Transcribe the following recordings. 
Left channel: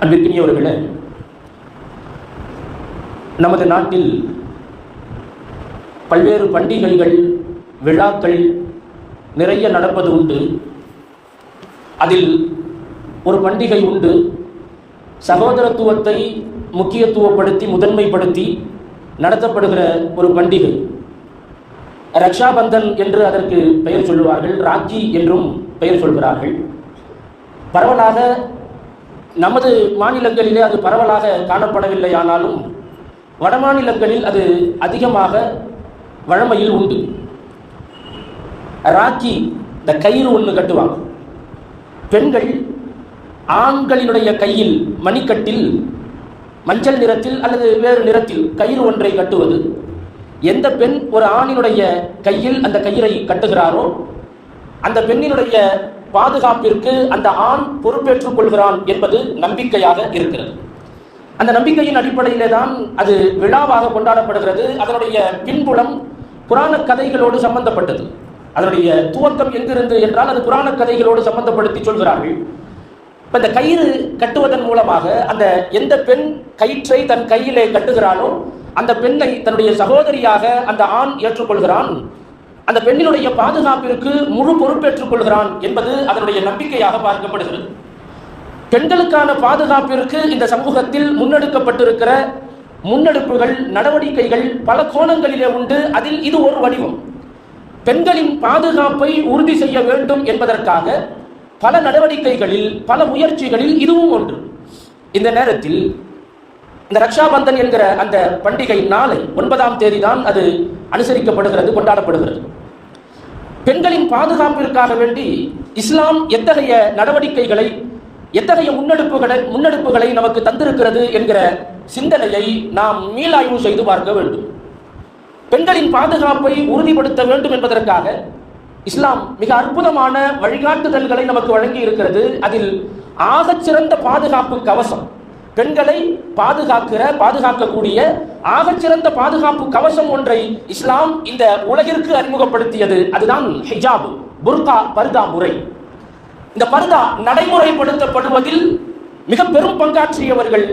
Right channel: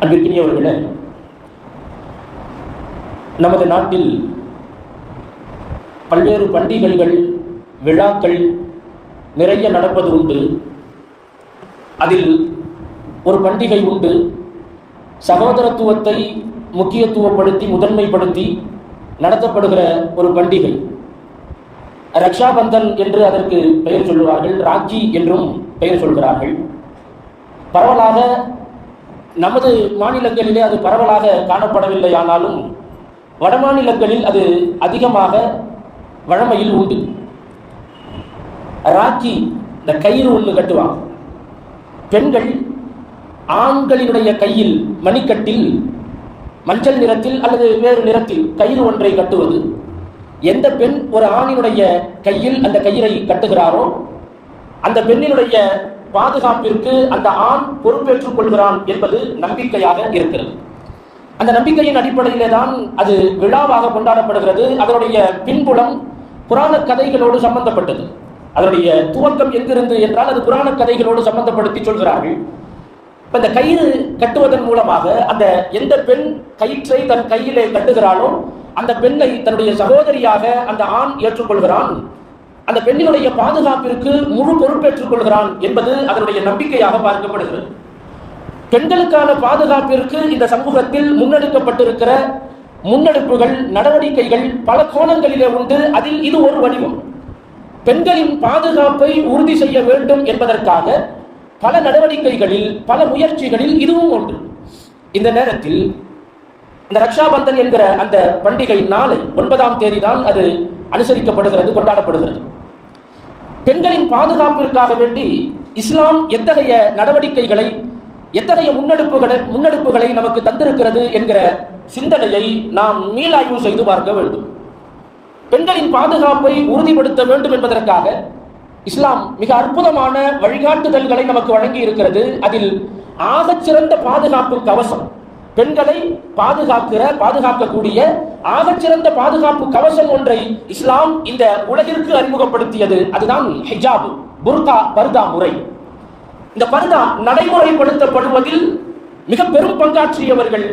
அன்பிற்கினியவர்களே நமது நாட்டில் பல்வேறு பண்டிகைகள் விழாக்கள் நிறைய நடப்பது உண்டு. அதில் ஒரு பண்டிகை உண்டு. சகோதரத்துவத்தை முக்கியத்துவப்படுத்தி முதன்மைப்படுத்தி நடத்தப்படுகிற ஒரு பண்டிகை. ரக்ஷாபந்தன் என்று அதற்கு பெயர் சொல்லுவார்கள் ராக்கி என்றும் பெயர் சொல்கிறார்கள். பரவலாக நமது மாநிலங்களிலே அது பரவலாக காணப்படவில்லை ஆனாலும் வடமாநிலங்களில் அது அதிகமாக வழமையில் உண்டு. ராக்கி இந்த கயிறு ஒன்று கட்டுவாங்க. பெண்கள் ஆண்களினுடைய கையில் மணிக்கட்டில் மஞ்சள் நிறத்தில் அல்லது வேறு நிறத்தில் கயிறு ஒன்றை கட்டுவது எந்த பெண் ஒரு ஆணினுடைய கையில் அந்த கயிறை கட்டுகிறாரோ அந்த பெண்ணினுடைய பாதுகாப்பிற்கு அந்த ஆண் பொறுப்பேற்றுக் கொள்கிறான் என்பது நம்பிக்கையாக இருக்கிறது. அந்த நம்பிக்கையின் அடிப்படையிலே தான் அது விழாவாக கொண்டாடப்படுகிறது. அதனுடைய பின்புலம் புராண கதைகளோடு சம்பந்தப்பட்டது. அதனுடைய துவக்கம் எங்கிருந்து என்றால் அது புராண கதைகளோடு சம்பந்தப்படுத்தி சொல்கிறார்கள். இப்ப இந்த கயிறு கட்டுவதன் மூலமாக அந்த எந்த பெண் கயிற்றை தன் கையிலே கட்டுகிறாளோ அந்த பெண்ணை தன்னுடைய சகோதரியாக அந்த ஆண் ஏற்றுக்கொள்கிறான். அந்த பெண்ணினுடைய பாதுகாப்பிற்கு முழு பொறுப்பேற்றுக் கொள்கிறான் என்பது அதனுடைய நம்பிக்கையாக பார்க்கப்படுகிறது. பெண்களுக்கான பாதுகாப்பிற்கு இந்த சமூகத்தில் முன்னெடுக்கப்பட்டிருக்கிற முன்னெடுப்புகள் நடவடிக்கைகள் பல கோணங்களிலே உண்டு. அதில் இது ஒரு வடிவம். பெண்களின் பாதுகாப்பை உறுதி செய்ய வேண்டும் என்பதற்காக பல நடவடிக்கைகளில் பல முயற்சிகளில் இதுவும் ஒன்று. இந்த நேரத்தில் இந்த ரக்ஷாபந்தன் என்கிற அந்த பண்டிகை நாளை ஒன்பதாம் தேதி தான் அது அனுசரிக்கப்படுகிறது கொண்டாடப்படுகிறது. பெண்களின் பாதுகாப்பிற்காக வேண்டி இஸ்லாம் எத்தகைய நடவடிக்கைகளை எத்தகைய முன்னெடுப்புகளை முன்னெடுப்புகளை நமக்கு தந்திருக்கிறது என்கிற சிந்தனையை நாம் மீளாய்வு செய்து பார்க்க வேண்டும். பெண்களின் பாதுகாப்பை உறுதிப்படுத்த வேண்டும் என்பதற்காக இஸ்லாம் மிக அற்புதமான வழிகாட்டுதல்களை நமக்கு வழங்கி இருக்கிறது அதில் ஆகச் சிறந்த பாதுகாப்பு கவசம் பெண்களை பாதுகாக்கிற பாதுகாக்கக்கூடிய ஆகச்சிறந்த பாதுகாப்பு கவசம் ஒன்றை இஸ்லாம் இந்த உலகிற்கு அறிமுகப்படுத்தியது. அதுதான் ஹிஜாப் புர்கா பர்தா முறை. இந்த பர்தா நடைமுறைப்படுத்தப்படுவதில் மிக பெரும் பங்காற்றியவர்கள்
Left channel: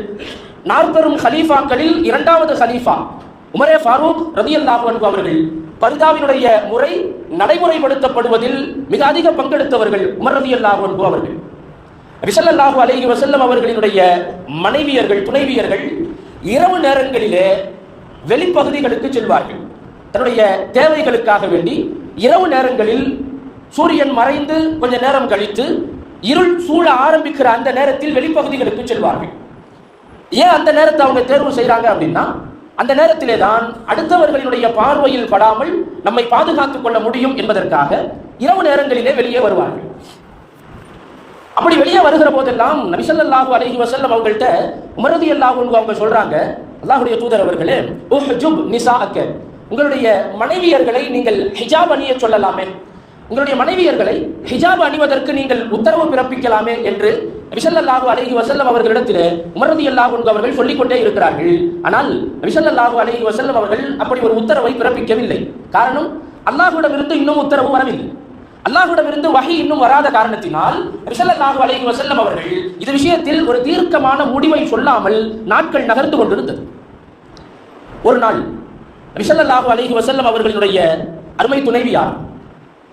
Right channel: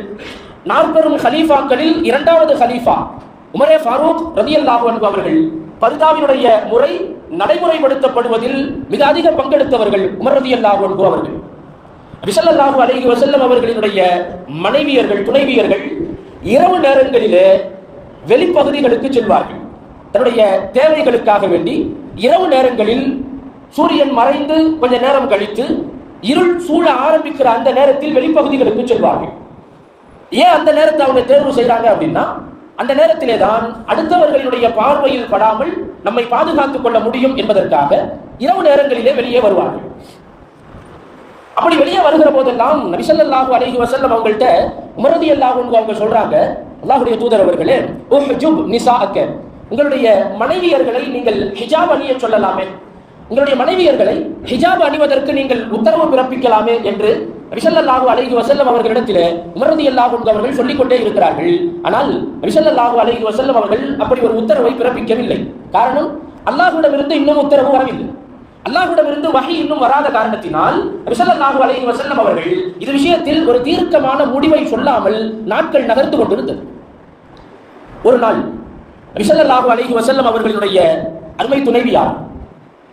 நாற்பெரும் ஹலீஃபாக்களில் இரண்டாவது ஹலீஃபா உமரே ஃபாரூக் ரதி அல்லாஹு அவர்கள். பர்தாவினுடைய முறை நடைமுறைப்படுத்தப்படுவதில் மிக அதிக பங்கெடுத்தவர்கள் உமர் ரதி அல்லாஹு அவர்கள். விசல்லாஹு அலைஹி வசல்லம் அவர்களினுடைய மனைவியர்கள் துணைவியர்கள் இரவு நேரங்களிலே வெளிப்பகுதிகளுக்கு செல்வார்கள். தன்னுடைய தேவைகளுக்காக வேண்டி இரவு நேரங்களில் சூரியன் மறைந்து கொஞ்ச நேரம் கழித்து இருள் சூழ ஆரம்பிக்கிற அந்த நேரத்தில் வெளிப்பகுதிகளுக்கு செல்வார்கள். ஏன் அந்த நேரத்தை அவங்க தேர்வு செய்யறாங்க அப்படின்னா அந்த நேரத்திலே தான் அடுத்தவர்களுடைய பார்வையில் படாமல் நம்மை பாதுகாத்துக் கொள்ள முடியும் என்பதற்காக இரவு நேரங்களிலே வெளியே வருவார்கள். அப்படி வெளியே வருகிற போதெல்லாம் நபிசல்லாஹு அலஹி வசல்லம் அவங்கள்ட்ட உமரதி அல்லாஹ் அவங்க சொல்றாங்க அல்லாஹுடைய தூதர் அவர்களே உஹ்ஜுப் நிசாஅக்க உங்களுடைய மனைவியர்களை நீங்கள் ஹிஜாப் அணிய சொல்லலாமே. உங்களுடைய மனைவியர்களை ஹிஜாப் அணிவதற்கு நீங்கள் உத்தரவு பிறப்பிக்கலாமே என்று ரிசல்லாஹு அலைஹி வசல்லம் அவர்களிடத்தில் உமரதி அல்லாஹ் அவர்கள் சொல்லிக்கொண்டே இருக்கிறார்கள். ஆனால் ரிசல்லாஹு அலைஹி வசல்லம் அவர்கள் அப்படி ஒரு உத்தரவை பிறப்பிக்கவில்லை. காரணம் அல்லாஹுடமிருந்து இன்னும் உத்தரவு வரவில்லை. அல்லாஹுடமிருந்து வகை இன்னும் வராத காரணத்தினால் ரிசல்லாஹு அலைஹி செல்லும் அவர்கள் இது விஷயத்தில் ஒரு தீர்க்கமான முடிவை சொல்லாமல் நாட்கள் நகர்ந்து கொண்டிருந்தது. ஒரு நாள் ரிசல்லாஹு அலைஹி வசல்லம் அவர்களுடைய அருமை துணைவியார்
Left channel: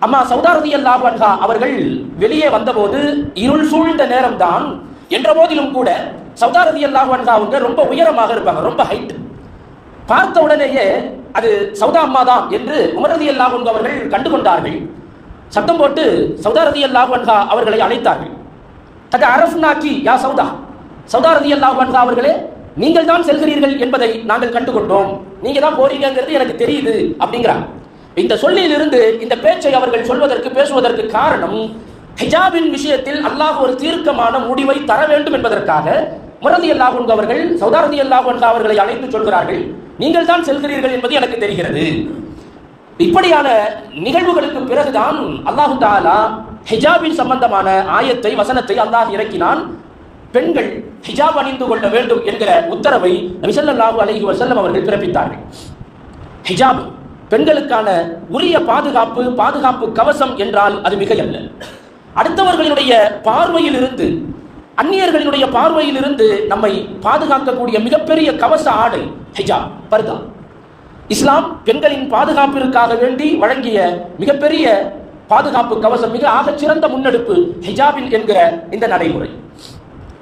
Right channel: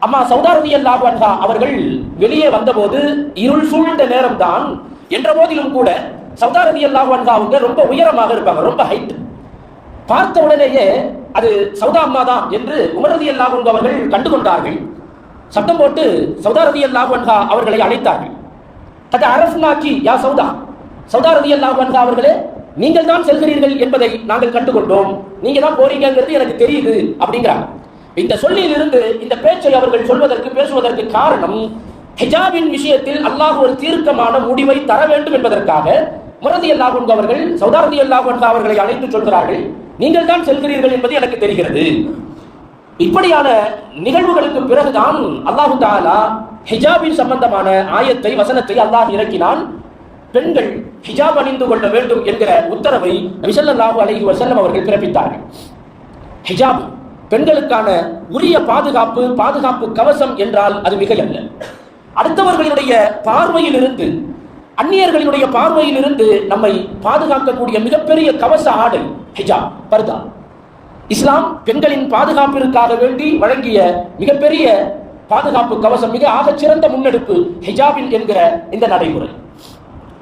அம்மா சௌதாரதி அல்லாஹு அன்ஹா அவர்கள் வெளியே வந்தபோது இருள் சூழ்ந்த நேரம் தான் என்ற போதிலும் கூட சௌதாரதி அல்லாஹு அன்ஹா அவங்க ரொம்ப உயரமாக இருப்பாங்க ரொம்ப ஹைட் பார்த்த உடனேயே அது சௌதா அம்மா தான் என்று உமரதி அல்லாஹு அவர்கள் கண்டுகொண்டார்கள். சத்தம் போட்டு சௌதாரதி அல்லாஹன்ஹா அவர்களை அழைத்தார்கள். கத அரஃப்னாக்கி யா சௌதா சௌதாரதி அல்லாஹன்ஹா அவர்களே நீங்கள் தான் செல்கிறீர்கள் என்பதை நாங்கள் கண்டுகொண்டோம். நீங்க தான் போறீங்கிறது எனக்கு தெரியுது அப்படிங்கிறாங்க. இந்த சொல்லிலிருந்து இந்த பேச்சை அவர்கள் சொல்வதற்கு பேசுவதற்கு காரணம் ஹிஜாபின் விஷயத்தில் அல்லாஹ் ஒரு தீர்க்கமான முடிவை தர வேண்டும் என்பதற்காக முரதி அல்லாஹ் அவர்கள் சௌதாரதி அல்லாஹ் அவர்களை அழைத்து சொல்கிறார்கள். நீங்கள் தான் செல்கிறீர்கள் என்பது எனக்கு தெரிகிறது. இப்படியான நிகழ்வுகளுக்கு பிறகுதான் அல்லாஹு தாலா ஹிஜாபின் சம்பந்தமான ஆயத்தை வசனத்தை அல்லாஹ் இறக்கினான். பெண்கள் ஹிஜாப் அணிந்து கொள்ள வேண்டும் என்கிற உத்தரவை விசல்லாஹு அலைஹி வசல்லம் அவர்கள் பிறப்பித்தார்கள். ஹிஜாப் பெண்களுக்கான உரிய பாதுகாப்பு பாதுகாப்பு கவசம் என்றால் அது மிகையல்ல அடுத்தவர்களுடைய பார்வையில் இருந்து அந்நியர்களினுடைய பார்வையில் இருந்து நம்மை பாதுகாக்கக்கூடிய மிகப்பெரிய கவச ஆடை ஹிஜாப் பர்தா. இஸ்லாம் பெண்களின் பாதுகாப்பிற்காக வேண்டி வழங்கிய மிகப்பெரிய பாதுகாப்பு கவசம் மிக ஆகச் சிறந்த முன்னெடுப்பு ஹிஜாபில் என்கிற இந்த நடைமுறை.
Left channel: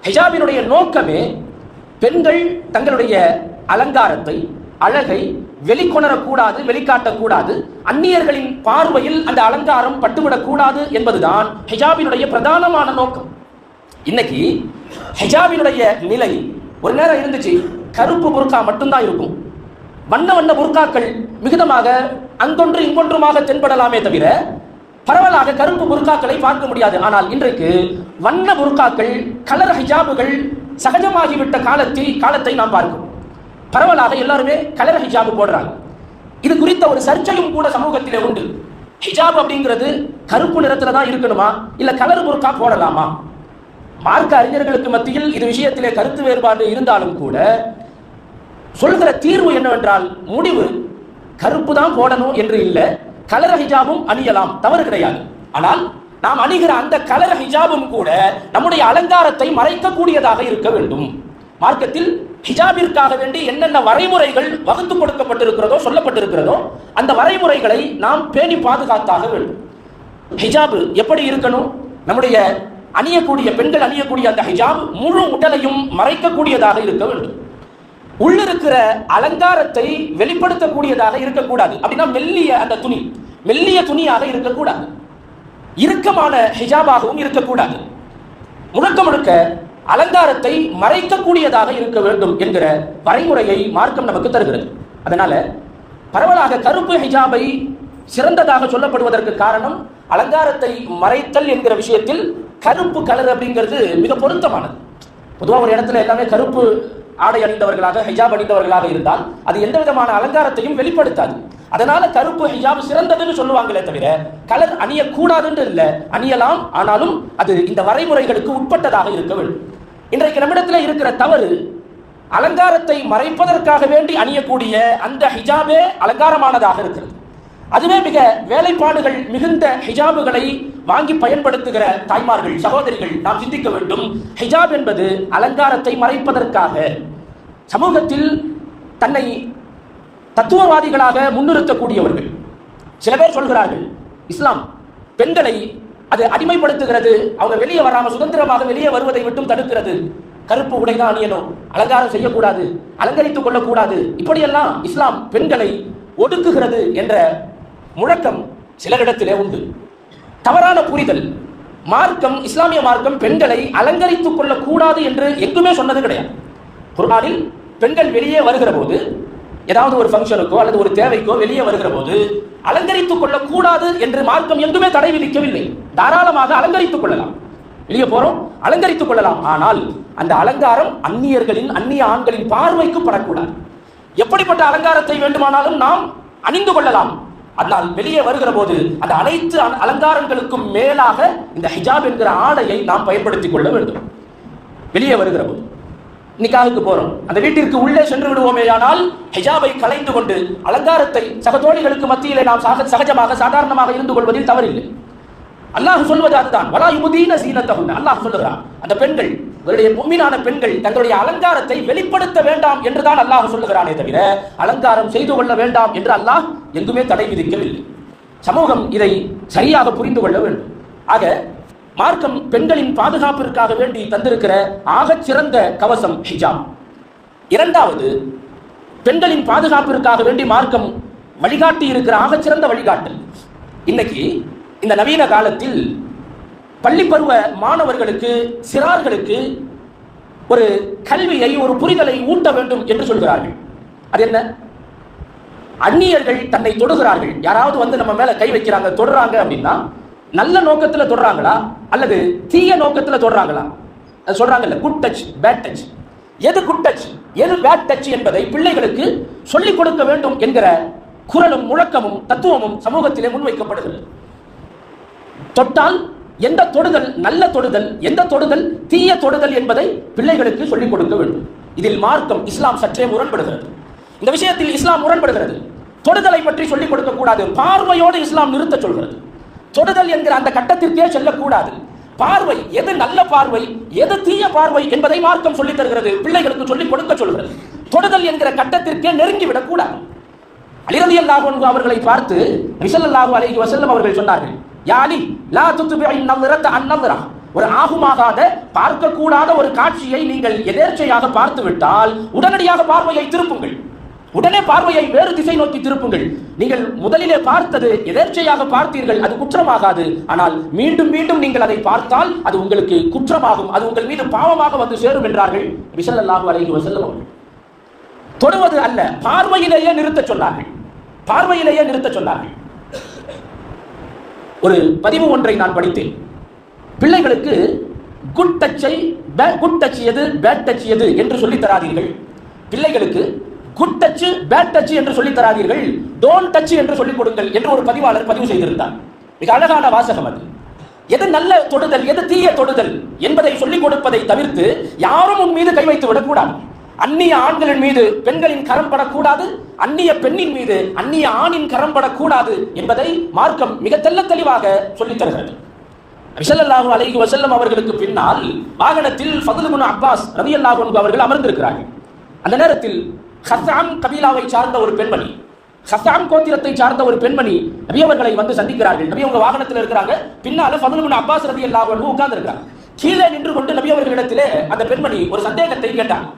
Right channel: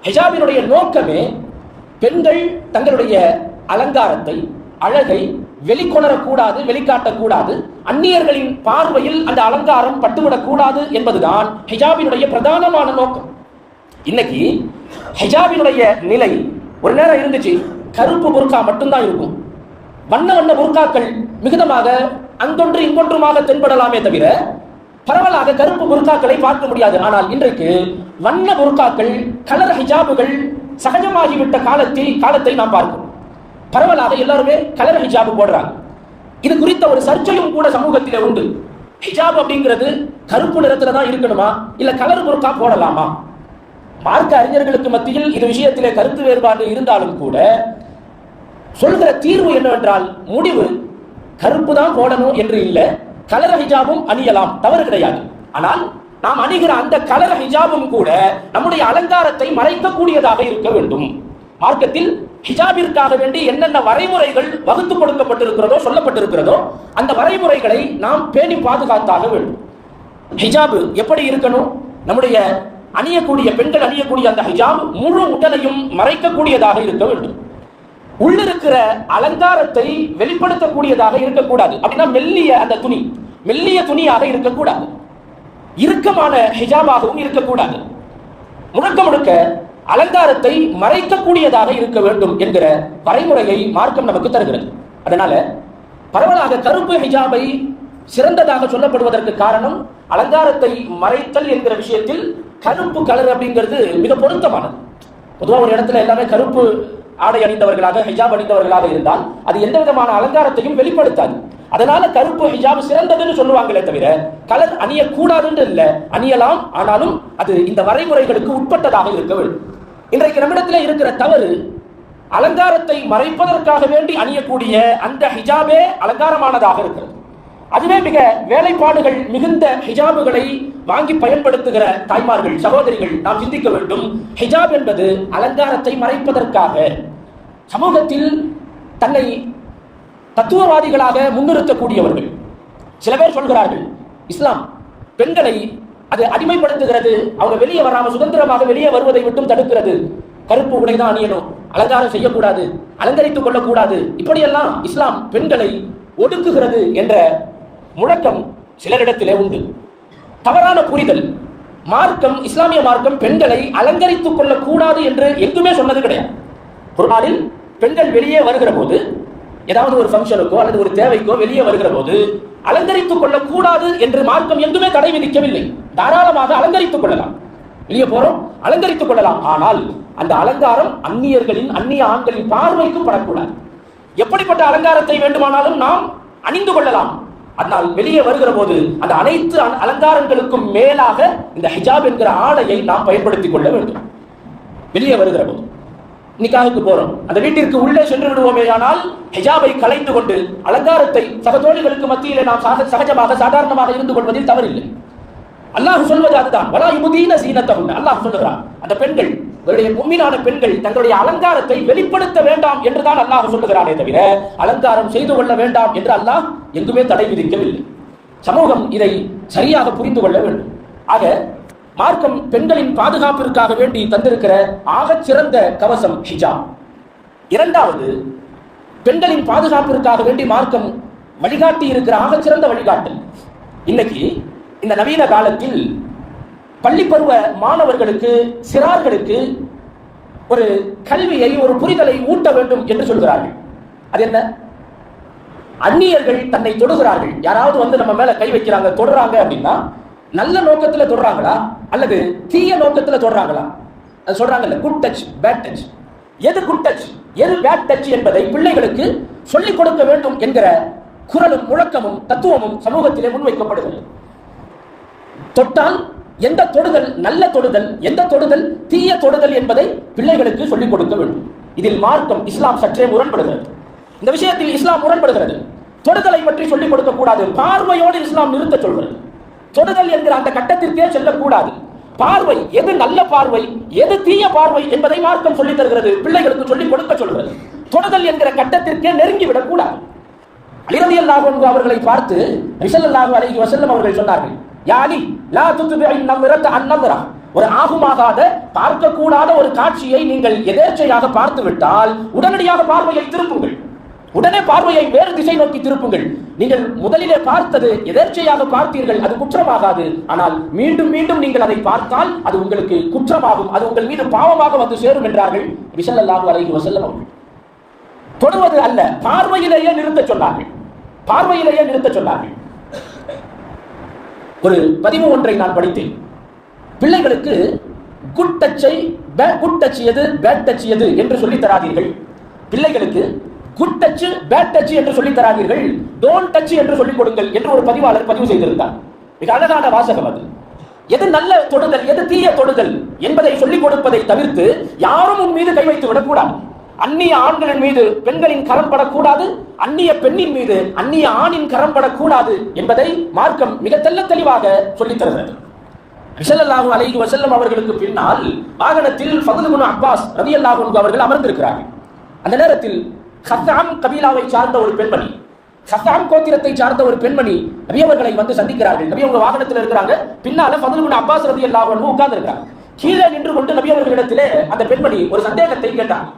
ஹிஜாபினுடைய நோக்கமே பெண்கள் தங்களுடைய அலங்காரத்தை அழகை வெளிக்கொணரக்கூடாது வெளிக்காட்டக்கூடாது அந்நியர்களின் பார்வையில் அந்த அலங்காரம் பட்டுவிடக்கூடாது என்பதுதான் ஹிஜாபினுடைய பிரதானமான நோக்கம். இன்னைக்கு ஹிஜாபினுடைய நிலை ஒரு நேரம் இருந்துச்சு கருப்பு பொருட்கா மட்டும்தான் இருக்கும். வண்ண வண்ண புர்காக்கள் மிகுதமாக அங்கொன்று இங்கொன்றுமாக தென்படலாமே தவிர பரவலாக கருப்பு புர்காக்களை பார்க்க முடியாது. ஆனால் இன்றைக்கு வண்ண புர்காக்கள் கலர் ஹிஜாபுகள் சகஜமாகிவிட்ட காலத்தை காலத்தை நாம் பார்க்கிறோம். பரவலாக எல்லாருமே கலர் ஹிஜாபு போடுறாங்க. இது குறித்த ஒரு சர்ச்சையும் கூட சமூகத்தில் உண்டு. ஹிஜாப் அப்படிங்கிறது கருப்பு நிறத்துல தான் இருக்கணுமா? இல்ல கலர் புர்கா போடலாமா? பார்க்க அறிஞர்களுக்கு மத்தியில் இது விஷயத்திலே கருத்து வேறுபாடு இருந்தாலும் கூட சொல்கிற தீர்வு என்னவென்றால் முடிவு கருப்பு தான் போடணும் என்று இல்லை கலர ஹிஜாபும் அணியலாம் தவறு கிடையாது. ஆனால் நாம் அணிகிற அந்த கலர ஹிஜாபும் கூட நம்முடைய அலங்காரத்தை மறைக்கக்கூடியதாக இருக்க வேண்டும். மார்க்கத்தில் ஹிஜாபிற்காக வேண்டி என்னென்ன வரைமுறைகள் வகுத்து கொடுக்கப்பட்டிருக்கிறதோ சொல்லப்பட்டிருக்கிறதோ அந்த வரைமுறைகளை நாம் பேணி பாதுகாத்தாக வேண்டும். ஹிஜாபு எப்படி இருக்கணும்? நம்முடைய அணியக்கூடிய பெண்கள் அணியக்கூடிய அந்த ஹிஜாப் முழு உடலையும் மறைக்கக்கூடியதாக இருக்க வேண்டும். உள்ளிருக்கிற அலங்காரத்தை வெளிப்படுத்தக்கூடியதாக இருக்கக்கூடாது. அப்படின்னா மெல்லிய அந்த துணி மெல்லிய துணியாக இருக்கக்கூடாது. இறுக்கமான ஹிஜாபாகவும் இருக்கக்கூடாது. முழுக்க முழுக்க அலங்காரத்தை மறைக்கக்கூடியதாக இருக்க வேண்டும் என்கிற வரைமுறையை மார்க்கம் நமக்கு தருகிறது. அதனால பரவலாக கருப்பு ஹிஜாபை சிறந்ததாக சொல்லப்படுவதற்கு காரணம் அலங்காரத்தை மறைத்தல் என்கிற விஷயத்தில் கருப்பு கலர் அப்படிங்கிறது மிக பொருத்தமானது. பொதுவாக ஒரு இடத்துல எல்லாமே கருப்பு ஆடை அணிந்தவர்களாக ஹிஜாப் அணிந்தவர்களாக இருந்தால் அது எந்த விதமான அலங்காரத்தையும் வெளிப்படுத்தாது. அதனால கருப்பு ஹிஜாப் சிறந்ததுன்னு சொல்லுவாங்களே தவிர கலர் அணியக்கூடாதுன்னு இல்லை. அணியலாம் ஆனாலும் அது இந்த வரைமுறைகளுக்கு உட்பட்டதாக இருக்க வேண்டும். இன்றைக்கு நம்மிடத்தில் இருக்கிற தவறு அலங்காரத்தை மறைப்பதற்காக வேண்டி அணியக்கூடிய அந்த ஹிஜாபே அலங்காரமானதாக இருக்கிறது. அதுவே மிக வேலைப்பாடுகள் மிகுந்த ஹிஜாபுகளை வாங்கி பயன்படுத்துகிற தாய்மார்கள் சகோதரிகள் நாம் சிந்திக்க வேண்டும். ஹிஜாப் என்பது அலங்காரத்தை மறைப்பதற்காக சமூகத்தில் தன்னை தத்துவவாதிகளாக முன்னிறுத்தக்கூடியவர்கள். சில பேர் சொல்கிறார்கள் இஸ்லாம் பெண்களை அது அடிமைப்படுத்துகிறது அவங்க வெளியே வராம சுதந்திரமாக வெளியே வருவதை விட்டும் தடுக்கிறது. கருப்பு உடை தான் அணியணும் அலங்காரம் செய்யக்கூடாது அலங்கரித்துக் கொள்ளக்கூடாது. இப்படியெல்லாம் இஸ்லாம் பெண்களை ஒடுக்குகிறது என்ற முழக்கம் சிலரிடத்திலே உண்டு. தவறான புரிதல் மார்க்கம் இஸ்லாமிய மார்க்கம் பெண்களை அலங்கரித்துக் கொள்ளக்கூடாது என்று எங்குமே சொன்னது கிடையாது. குர்ஆனில் பெண்கள் வெளியே வருகிற போது ஏதாவது ஒரு ஃபங்க்ஷனுக்கோ அல்லது ஒரு தேவைக்கோ வெளியே வருகிற போது அலங்கரித்துக் கொள்ளக்கூடாது என்று மார்க்கம் எங்குமே தடை விதிக்கவில்லை. தாராளமாக அலங்கரித்துக் கொள்ளலாம். வெளியே போறோம் அலங்கரித்துக் கொள்ளலாம். ஆனால் அந்த அலங்காரம் அந்நியர்களின் அந்நிய ஆண்களின் பார்வைக்கு படக்கூடாது. எப்படிப்பட்ட அலங்காரத்தை வேண்டுமானாலும் நாம் அணிந்து கொள்ளலாம். ஆனால் வெளியே வருகிற போது அந்த அனைத்து அலங்காரங்களுக்கும் மேலாக இந்த ஹிஜாப் என்கிற ஆடையை நாம் பயன்படுத்திக் கொள்ள வேண்டும். வெளியே வருகிற போது நிக்காவுக்கு போறோம். அந்த வீட்டிற்கு உள்ளே சென்று விடுவோமேயானால் ஹிஜாபை கலைந்து கொண்டு அலங்காரத்தை சகதோழிகளுக்கு மத்தியிலே நாம் சக- சகஜமாக சாதாரணமாக இருந்து கொள்வதில் தவறில்லை. அல்லாஹ் சொல்வது அதுதான். வலா யுமுதீன சீனத்தகுன். அல்லாஹ் சொல்லுகிறான். அந்த பெண்கள் இவருடைய மும்மினான பெண்கள் தங்களுடைய அலங்காரத்தை வெளிப்படுத்த வேண்டாம் என்றுதான் அல்லாஹ் சொல்லுகிறானே தவிர அலங்காரம் செய்து கொள்ள வேண்டாம் என்று அல்லாஹ் எங்குமே தடை விதிக்கவில்லை. சமூகம் இதை சரியாக புரிந்து கொள்ள வேண்டும். ஆக மார்க்கம் பெண்களின் பாதுகாப்பிற்காக வேண்டி தந்திருக்கிற ஆகச் சிறந்த கவசம் ஹிஜாம். இரண்டாவது பெண்களின் பாதுகாப்பிற்காக வேண்டி மார்க்கம் வழிகாட்டி இருக்கிற ஆகச்சிறந்த வழிகாட்டல். இன்னைக்கு இந்த நவீன காலத்தில் பள்ளி பருவ மாணவர்களுக்கு சிறார்களுக்கு ஒரு கல்வியை ஒரு புரிதலை ஊட்ட வேண்டும் என்று சொல்கிறார்கள். அது என்ன? அந்நியர்கள் தன்னை தொடுகிறார்கள். யாராவது வந்து நம்ம மேல கை வைக்கிறாங்க தொடுறாங்க அப்படின்னா நல்ல நோக்கத்துல தொடுறாங்களா? அல்லது தீய நோக்கத்துல தொடுறாங்களா? அது சொல்றாங்கல்ல குட் டச் பேட் டச் எது குட் டச் எது பேட் டச் என்பதை பிள்ளைகளுக்கு சொல்லிக் கொடுக்க வேண்டும் என்கிற குரலும் முழக்கமும் தத்துவமும் சமூகத்திலே முன்வைக்கப்படுகிறது. தொட்டால் எந்த தொடுதல் நல்ல தொடுதல் எந்த தொடுதல் தீய தொடுதல் என்பதை பிள்ளைகளுக்கு சொல்லிக் கொடுக்க வேண்டும். இதில் மார்க்கம் இஸ்லாம் சற்றே முரண்படுகிறது. இந்த விஷயத்தில் இஸ்லாம் முரண்படுகிறது. தொடுதலை பற்றி சொல்லிக் கொடுக்க கூடாது. பார்வையோடு இஸ்லாம் நிறுத்த சொல்கிறது. தொடுதல் என்கிற அந்த கட்டத்திற்கே செல்லக்கூடாது. பார்வை எது நல்ல பார்வை எது தீய பார்வை என்பதை மார்க்கம் சொல்லித் தருகிறது. பிள்ளைகளுக்கு சொல்லிக் கொடுக்க சொல்கிறது. தொடுதல் என்கிற கட்டத்திற்கே நெருங்கி விடக்கூடாது அலிரதி அல்லாஹ் அவர்களை பார்த்து ரிசல்லாஹு அலைஹி வஸல்லம் அவர்கள் சொன்னார்கள் யாலி லா துத்பிஇ நம்ரத் அந்நம்ரா ஒரு ஆகுமாகாத பார்க்கக்கூடாத ஒரு காட்சியை நீங்கள் எதேர்ச்சையாக பார்த்து விட்டால் உடனடியாக பார்வையை திருப்புங்கள். உடனே பார்வையை வேறு திசை நோக்கி திருப்புங்கள். நீங்கள் முதலிலே பார்த்தது எதேர்ச்சையாக பார்த்தீர்கள் அது குற்றமாகாது. ஆனால் மீண்டும் மீண்டும் நீங்கள் அதை பார்த்தால் அது உங்களுக்கு குற்றமாகும். அது உங்கள் மீது பாவமாக வந்து சேரும் என்றார்கள் ரிசல்லாஹு அலைஹி வஸல்லம் அவர்கள். தொடுவது அல்ல பார்வையிலேயே நிறுத்த சொன்னார்கள். பார்வையிலேயே நிறுத்த சொன்னார்கள். ஒரு பதிவு ஒன்றை நான் படித்தேன். பிள்ளைகளுக்கு குட் டச்சை குட் டச் எது பேட் டச் எது என்று சொல்லித் தராதீர்கள். பிள்ளைகளுக்கு குட் டச் பேட் டச் என்று சொல்லித் தராதீர்கள். டோன்ட் டச் என்று சொல்லிக் கொடுங்கள் என்று ஒரு பதிவாளர் பதிவு செய்திருந்தார். மிக அழகான வாசகம் அது. எது நல்ல தொடுதல் எது தீய தொடுதல் என்பதை சொல்லிக் கொடுப்பதை தவிர்த்து யாரும் உன் மீது கை வைத்து விடக்கூடாது. அந்நிய ஆண்களின் மீது பெண்களின் கரம் படக்கூடாது அந்நிய பெண்ணின் மீது அந்நிய ஆணின் கரம் படக்கூடாது என்பதை மார்க்கம் மிக தெல்ல தெளிவாக சொல்லித் தருகிறது. ரிசல்லாஹு அலைஹி வசல்லம் அவர்களுக்கு பின்னால் வாகனத்தில் ஃபதுல் அப்பாஸ் ரவி அல்லாஹு அவர்கள் அமர்ந்திருக்கிறார்கள். அந்த நேரத்தில் ஹசாம் கபீலாவை சார்ந்த ஒரு பெண்மணி ஹசாம் கோத்திரத்தை சார்ந்த ஒரு பெண்மணி நபி அவர்களை வந்து சந்திக்கிறார்கள். நபி அவங்க வாகனத்தில் இருக்கிறாங்க. பின்னால ஃபதுல் இப்னு அப்பாஸ் ரலியல்லாஹு உட்கார்ந்து இருக்கிறார் கீழே நின்று கொண்டு நபி அவர்களிடத்திலே அந்த பெண்மணி ஒரு சந்தேகத்தை கேட்டார்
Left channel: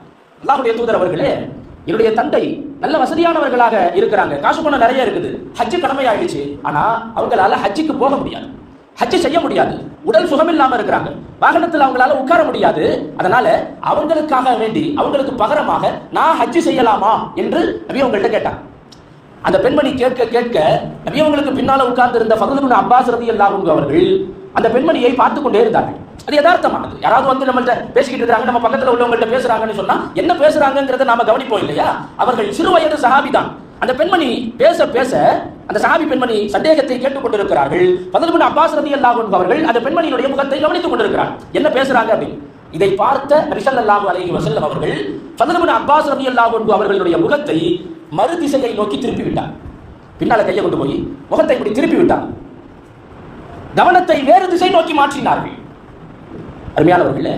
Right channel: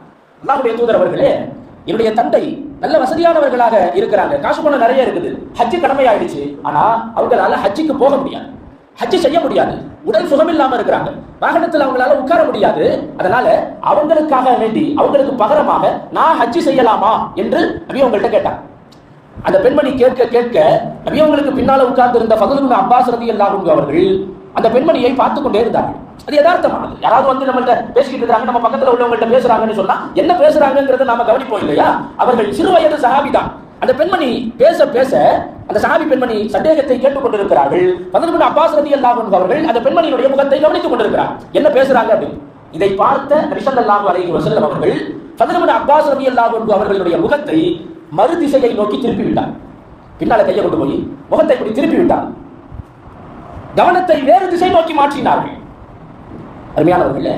அல்லாஹுடைய தூதர் அவர்களே என்னுடைய தந்தை நல்ல வசதியானவர்களாக இருக்கிறாங்க. காசு பணம் நிறைய இருக்குது. ஹஜ்ஜு கடமையாயிடுச்சு. ஆனா அவங்களால ஹஜ்ஜுக்கு போக முடியாது. ஹஜ்ஜு செய்ய முடியாது. உடல் சுகம் இல்லாம இருக்கிறாங்க. வாகனத்தில் அவங்களால உட்கார முடியாது. அதனால அவங்களுக்காக வேண்டி அவங்களுக்கு பகரமாக நான் ஹஜ்ஜு செய்யலாமா என்று நபி அவங்கள்ட்ட கேட்டான் அந்த பெண்மணி கேட்க கேட்க நபி அவங்களுக்கு பின்னால உட்கார்ந்து இருந்த ஃபகுதுபின் அப்பாஸ் ரதி அவர்கள் அந்த பெண்மணியை பார்த்து கொண்டே இருந்தார்கள். அது யதார்த்தமானது. யாராவது வந்து நம்மள்ட்ட பேசிக்கிட்டு இருக்காங்க நம்ம பக்கத்துல உள்ளவங்கள்ட்ட பேசுறாங்கன்னு சொன்னா என்ன பேசுறாங்கிறத நாம கவனிப்போம் இல்லையா? அவர்கள் சிறு வயது சஹாபிதான் அந்த பெண்மணி பேச பேச அந்த சஹாபி பெண்மணி சந்தேகத்தை கேட்டுக்கொண்டிருக்கிறார்கள். பதினொன்று அப்பாஸ் ரதி அவர்கள் அந்த பெண்மணியுடைய முகத்தை கவனித்துக் கொண்டிருக்கிறார். என்ன பேசுறாங்க அப்படின்னு? இதை பார்த்த ரிஷல்லாஹு அலைஹி வசல்லம் அவர்கள் பதினொன்று அப்பாஸ் ரதி அவர்களுடைய முகத்தை மறு திசையை நோக்கி திருப்பி விட்டார் பின்னால கையை கொண்டு போய் முகத்தை இப்படி திருப்பி விட்டார் கவனத்தை வேறு திசை நோக்கி மாற்றினார்கள். அருமையானவர்களே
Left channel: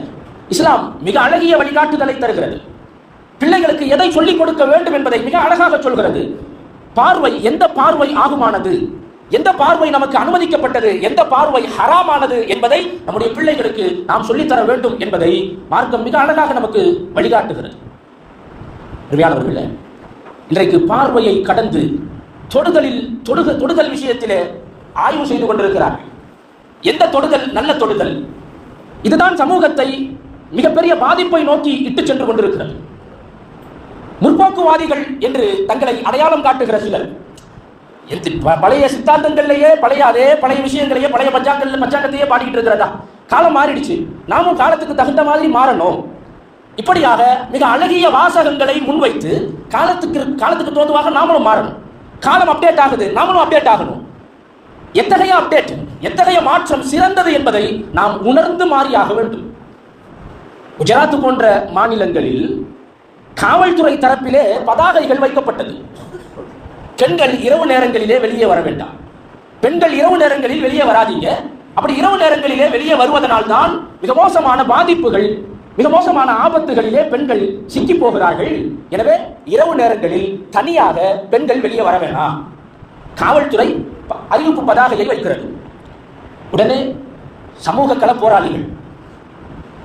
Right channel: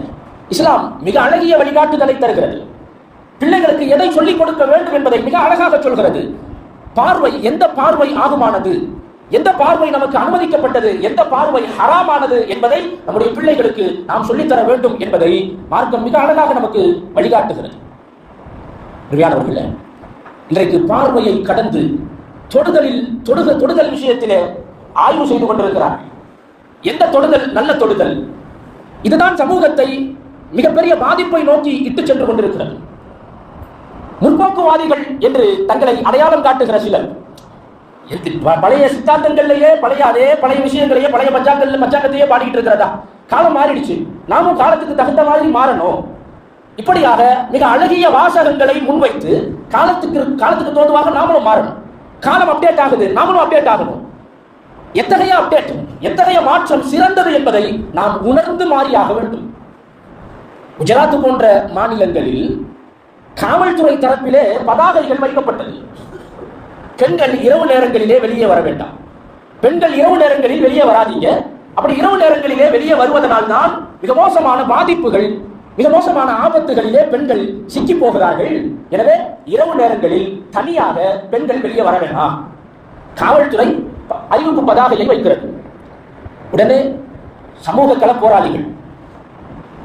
இஸ்லாம் மிக அழகிய வழிகாட்டுதலை தருகிறது. பிள்ளைகளுக்கு எதை சொல்லிக் கொடுக்க வேண்டும் என்பதை மிக அழகாக சொல்கிறது. பார்வை எந்த பார்வை ஆகுமானது? எந்த பார்வை நமக்கு அனுமதிக்கப்பட்டது? எந்த பார்வை ஹராமானது என்பதை நம்முடைய பிள்ளைகளுக்கு நாம் சொல்லித்தர வேண்டும் என்பதை மார்க்கம் மிக அழகாக நமக்கு வழிகாட்டுகிறது. அருமையானவர்களே இன்றைக்கு பார்வையை கடந்து தொடுதலில் தொடுக தொடுதல் விஷயத்திலே ஆய்வு செய்து கொண்டிருக்கிறார்கள். எந்த தொடுதல்? நல்ல தொடுதல். இதுதான் சமூகத்தை மிகப்பெரிய பாதிப்பை நோக்கி இட்டு சென்று கொண்டிருக்கிறது. முற்போக்குவாதிகள் என்று தங்களை அடையாளம் காட்டுகிற சிலர். பழைய சித்தாந்தங்கள்லயே பழைய அதே பழைய விஷயங்களையே பழைய பஞ்சாங்கல்ல பஞ்சாங்கத்தையே பாடிக்கிட்டு இருக்கிறதா? காலம் மாறிடுச்சு. நாமும் காலத்துக்கு தகுந்த மாதிரி மாறணும். இப்படியாக மிக அழகிய வாசகங்களை முன்வைத்து காலத்துக்கு காலத்துக்கு தோதுவாக நாமளும் மாறணும். காலம் அப்டேட் ஆகுது நாமளும் அப்டேட் ஆகணும். எத்தகைய அப்டேட் எத்தகைய மாற்றம் சிறந்தது என்பதை நாம் உணர்ந்து மாறியாக வேண்டும். குஜராத் போன்ற மாநிலங்களில் காவல்துறை தரப்பிலே பதாகைகள் வைக்கப்பட்டது. பெண்கள் இரவு நேரங்களிலே வெளியே வர வேண்டாம். பெண்கள் இரவு நேரங்களில் வெளியே வராதீங்க. அப்படி இரவு நேரங்களிலே வெளியே வருவதனால் தான் மிக மோசமான பாதிப்புகள் மிக மோசமான ஆபத்துகளிலே பெண்கள் சிக்கி போகிறார்கள். எனவே இரவு நேரங்களில் தனியாக பெண்கள் வெளியே வர வேண்டாம் காவல்துறை அறிவிப்பு பதாகையை வைக்கிறது உடனே சமூக கள போராளிகள்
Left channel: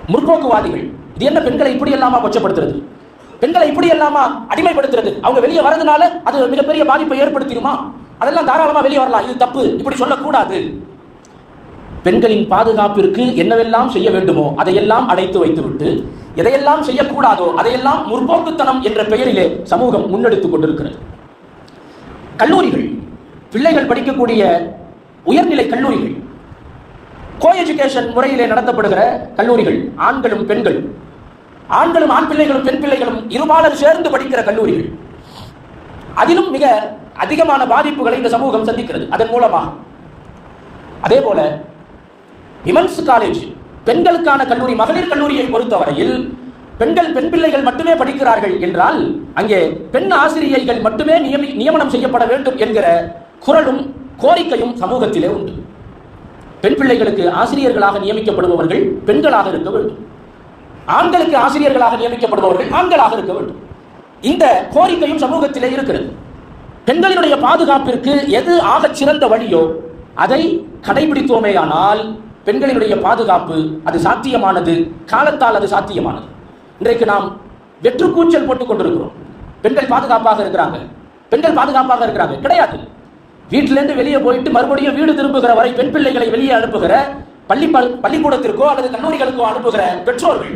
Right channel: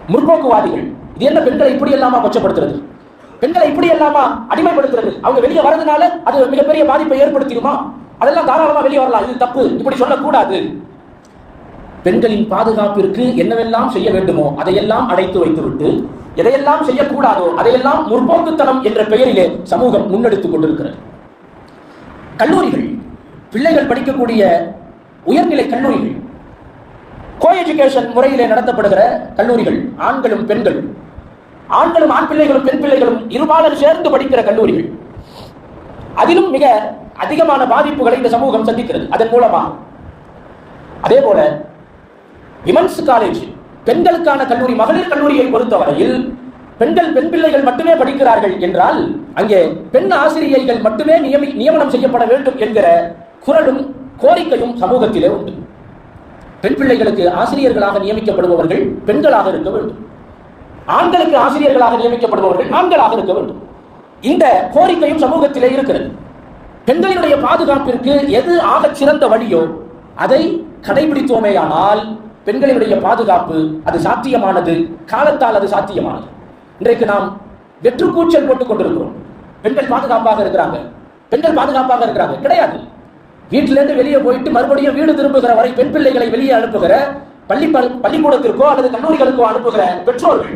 முற்போக்குவாதிகள் இது என்ன பெண்களை இப்படி எல்லாமா கொச்சப்படுத்துறது? பெண்களை இப்படி எல்லாமா அடிமைப்படுத்துறது? அவங்க வெளியே வரதுனால அது மிகப்பெரிய பாதிப்பை ஏற்படுத்திடுமா? அதெல்லாம் தாராளமா வெளியே வரலாம். இது தப்பு. இப்படி சொல்லக்கூடாது. பெண்களின் பாதுகாப்பிற்கு என்னவெல்லாம் செய்ய வேண்டுமோ அதையெல்லாம் அடைத்து வைத்துவிட்டு எதையெல்லாம் செய்யக்கூடாதோ அதையெல்லாம் முற்போக்குத்தனம் என்ற பெயரிலே சமூகம் முன்னெடுத்துக் கொண்டிருக்கிறது. கல்லூரிகள் பிள்ளைகள் படிக்கக்கூடிய உயர்நிலை கல்லூரிகள் கோ எஜுகேஷன் முறையிலே நடத்தப்படுகிற கல்லூரிகள் ஆண்களும் பெண்களும் ஆண்களும் ஆண் பிள்ளைகளும் பெண் பிள்ளைகளும் இருபாலர் சேர்ந்து படிக்கிற கல்லூரிகள். அதிலும் மிக அதிகமான பாதிப்புகளை இந்த சமூகம் சந்திக்கிறது. அதன் மூலமா அதே போல விமன்ஸ் காலேஜ் பெண்களுக்கான கல்லூரி மகளிர் கல்லூரியை பொறுத்தவரையில் பெண்கள் பெண் பிள்ளைகள் மட்டுமே படிக்கிறார்கள் என்றால் அங்கே பெண் ஆசிரியைகள் மட்டுமே நியமி நியமனம் செய்யப்பட வேண்டும் என்கிற குரலும் கோரிக்கையும் சமூகத்திலே உண்டு. பெண் பிள்ளைகளுக்கு ஆசிரியர்களாக நியமிக்கப்படுபவர்கள் பெண்களாக இருக்க வேண்டும். ஆண்களுக்கு ஆசிரியர்களாக நியமிக்கப்படுபவர்கள் ஆண்களாக இருக்க வேண்டும். இந்த கோரிக்கையும் சமூகத்திலே இருக்கிறது. பெண்களினுடைய பாதுகாப்பிற்கு எது ஆகச் சிறந்த வழியோ அதை கடைபிடித்தோமேயானால் பெண்களினுடைய பாதுகாப்பு அது சாத்தியமானது காலத்தால் அது சாத்தியமானது. இன்றைக்கு நாம் வெற்று கூச்சல் போட்டுக் கொண்டிருக்கிறோம். பெண்கள் பாதுகாப்பாக இருக்கிறாங்க. பெண்கள் பாதுகாப்பாக இருக்கிறாங்க. கிடையாது. வீட்டிலேருந்து வெளியே போயிட்டு மறுபடியும் வீடு திரும்புகிற வரை பெண் பிள்ளைகளை வெளியே அனுப்புகிற பள்ளி பள்ளிக்கூடத்திற்கோ அல்லது கல்லூரிகளுக்கோ அனுப்புகிற பெற்றோர்கள்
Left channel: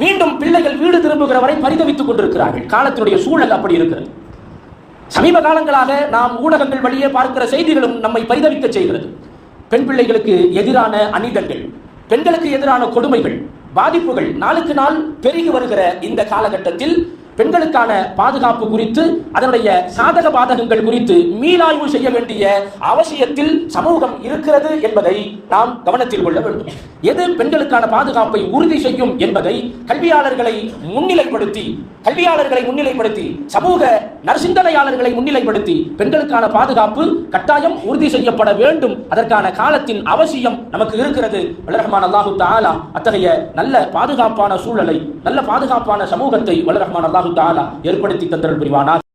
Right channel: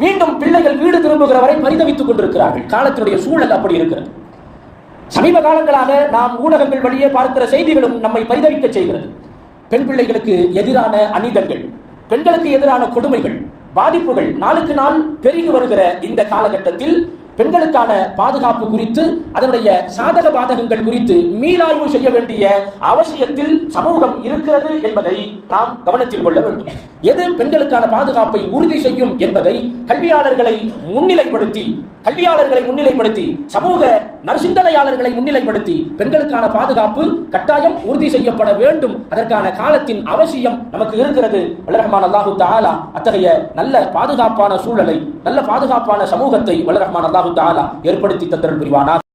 மீண்டும் பிள்ளைகள் வீடு திரும்புகிற வரை பரிதவித்துக் கொண்டிருக்கிறார்கள். காலத்தினுடைய சூழல் அப்படி இருக்கிறது. சமீப காலங்களாக நாம் ஊடகங்கள் வழியே பார்க்கிற செய்திகளும் நம்மை பரிதவிக்க செய்கிறது. பெண் பிள்ளைகளுக்கு எதிரான அநீதங்கள் பெண்களுக்கு எதிரான கொடுமைகள் பாதிப்புகள் நாளுக்கு நாள் பெருகி வருகிற இந்த காலகட்டத்தில் பெண்களுக்கான பாதுகாப்பு குறித்து அதனுடைய சாதக பாதகங்கள் குறித்து மீளாய்வு செய்ய வேண்டிய அவசியத்தில் சமூகம் இருக்கிறது என்பதை நாம் கவனத்தில் கொள்ள வேண்டும். எது பெண்களுக்கான பாதுகாப்பை உறுதி செய்யும் என்பதை கல்வியாளர்களை முன்னிலைப்படுத்தி கல்வியாளர்களை முன்னிலைப்படுத்தி சமூக நற்சிந்தனையாளர்களை முன்னிலைப்படுத்தி பெண்களுக்கான பாதுகாப்பு கட்டாயம் உறுதி செய்யப்பட வேண்டும். அதற்கான காலத்தின் அவசியம் நமக்கு இருக்கிறது. வல்லரஹ்மான் அல்லாஹு தாலா அத்தகைய நல்ல பாதுகாப்பான சூழலை நல்ல பாதுகாப்பான சமூகத்தை வல்லரஹ்மான் அல்லாஹு தாலா ஏற்படுத்தி தந்தல் புரிவானார்